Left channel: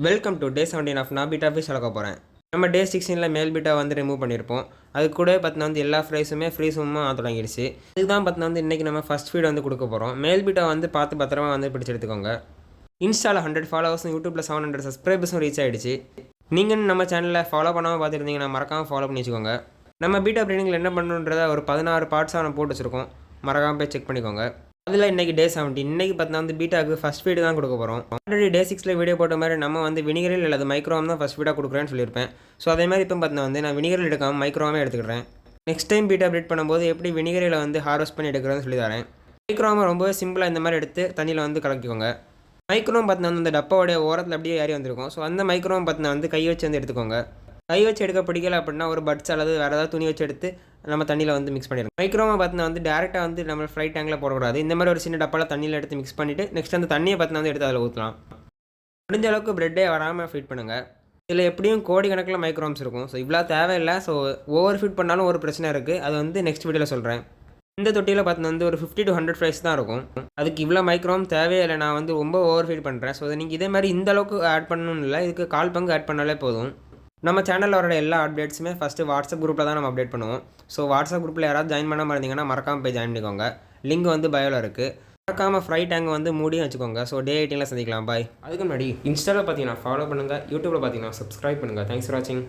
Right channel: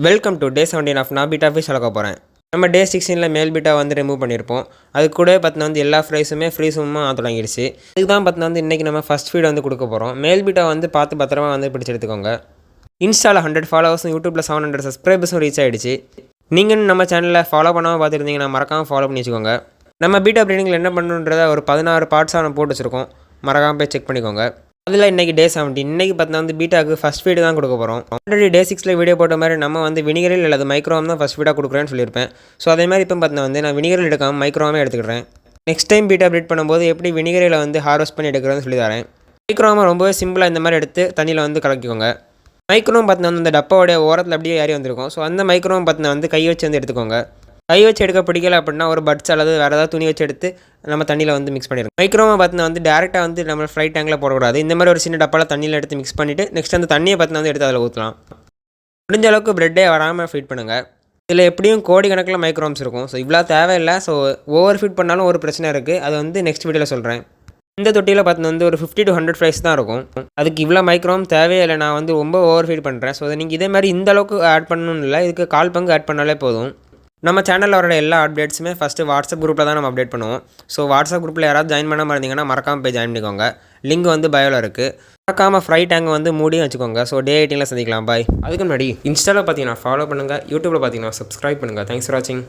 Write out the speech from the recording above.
Welcome to day 17 of நான் beta fish வளர்க்க போகிறேன். நம்ம டே 16 மேல் பீட்டா வந்து ரிமூவ் பண்ணியிருப்போம். அது கூட பார்த்தீங்கன்னா வந்து எல்லா ஃப்ரைஸுமே ஃப்ரீ சும்மா தொடங்கிடுச்சு. இதுக்கு தான் பார்த்தீங்கன்னா வந்து இன்றைக்கி நம்ம ஃபஸ்ட் ஃபீட் வந்து கொடுக்க போகிறோம். மேல் பீட்டா வந்து பார்த்து பத்திரமா வந்து பிடிச்சி எடுத்துக்கோங்க. இன்ஸ்டாவில் 100 ஃபாலோவர்ஸும் யூடியூப்பில் 700 சப்ஸ்கிரைபர்ஸும் ரீச் ஆகிடுச்சு. நீங்கள் நம்ம சேனலில் ஃபாலோ பண்ணாமல் பார்த்துருந்தீங்கன்னா மறக்காமல் ஃபாலோ பண்ணி வச்சுக்கோங்க. நம்ம பீட்டா ப்ரீடிங்கில் என்ன பண்ணணுன்றதை ஒரு 16 பார்ட்ஸாக நம்ம போட்டு வச்சுருக்கோம். மறக்காமல் போய் செக் பண்ணிக்கோங்க. அதில் இன்றைக்கி டே 17 இன்றைக்கி பார்த்தீங்கன்னா வந்து பீட்டாவுக்கு ஃபஸ்ட் ஃபீடு தான் கொடுக்க போகிறோம். ஆல்ரெடி டே 6 வீடியோ போட்ட மாதிரி நம்ம வந்து வினிகரில் அல்லது மைக்ரோவாம் தான் ஃபஸ்ட் ஃபீடாக கொடுக்குறேன்னு சொல்லியிருப்பேன். ஸோ அதே மாதிரி இப்போ பார்த்தீங்கன்னா வந்து நான் வினிகரில் எடுக்காமல் மைக்ரோவாமே எடுத்துக்கிறேன். நெக்ஸ்ட் டைம் பீட்டா ப்ரீட் பண்ணும்போது எப்படி வினிகரில் வந்து ஹார்வெஸ்ட் பண்ணி எடுக்கிறதுன்னு சொல்லி தரேன். மைக்ரோவாமை ரொம்பவே சிம்பிளாக இந்த மாதிரி எடுத்து தண்ணியில் வந்து கலக்கிக்கோங்க. மைக்ரோவும் பார்த்தீங்கன்னா வந்து இந்த டப்பாவோடைய ஓரத்தில் அப்படியே ஏறி வந்திருக்கும். ஸோ அந்த மைக்ரோவும் பார்த்தீங்கன்னா வந்து கை வச்சு வந்து எடுத்துக்கோங்க. கை வச்சு எடுக்க பிடிக்கல அப்படின்னா ஒரு பட்ஸ் அல்லது வேறு ஏதாவது துணி வச்சு எடுத்து நம்ம தண்ணியில் வந்து மிக்ஸ் பண்ணிடுங்க. மைக்ரோவை பார்த்தீங்கன்னா வந்து டேரெக்டாக வந்து நம்ம ஃப்ரை டேங்கில் போடக்கூடாது. இந்த மாதிரி ஒரு சின்ன டப்பாவில் தண்ணியில் எடுத்து மிக்ஸ் பண்ணிவிட்டு நெக்ஸ்ட் அந்த தண்ணியை பார்த்தீங்கன்னா வந்து எடுத்து அதில் ஊற்றலாம். முடிஞ்ச அளவுக்கு ப்ரெட்டே வராமல் ஃபீட் பண்ணுங்கள். இதில் எப்படியும் கோடிக்கணக்கில் மைக்ரோம்ஸ் இருக்கும். ஸோ இவ்வளோ தேவையில்லை. ஸோ ஓவர் ஃபீட் பண்ணாலும் ஒரு பிரச்சனை இருக்குது. அது வந்து நெக்ஸ்ட் வீடியோவில் சொல்கிறேன். இந்த தொட்டியில் பார்த்தீங்கன்னா வந்து ஒரு 50 to 100 ஃப்ரைஸ் தான் இருக்கும். அதுக்கு இவ்வளோ மைக்ரோம் தேவையே இல்லை. நான் வந்து ரொம்ப ஓவர் ஃபீட் பண்ணுறேன். ஸோ நீங்கள் இதே மாதிரி இந்த அளவுக்கு ஆட் பண்ணணும்னு இல்லை. இதுக்கு 1/4 பங்கு ஆட் பண்ணாலே போதும். நம்ம சேனலில் வர எல்லா அப்டேட்ஸுமே ஃபஸ்ட்டு வாட்ஸ்அப் குரூப்பில் தான் நம்ம அப்டேட் பண்ணுவோம். ஸோ வாட்ஸ்அப் குரூப்பில் யாராவது ஜாயின் பண்ணாமல் இருந்தீங்கன்னா மறக்காமல் போய் ஜாயின் பண்ணிக்கோங்க. லிங்க் வந்து பயோவில் இருக்குது. மறக்காமல் ஃப்ரை டேங்க் வந்து மூடியும் வச்சுக்கோங்க. ஸோ டே 18 சந்திக்கலாம். பாய். அதுக்கு முன்னாடி இன்ஸ்டாவில் பார்த்தீங்கன்னா ஃபாலோ பண்ணுங்கள், யூடியூப்பில் பார்த்தீங்கன்னா சப்ஸ்கிரைப் பண்ணுங்கள். தேங்க்ஸ் ஃபார் வாட்சிங்.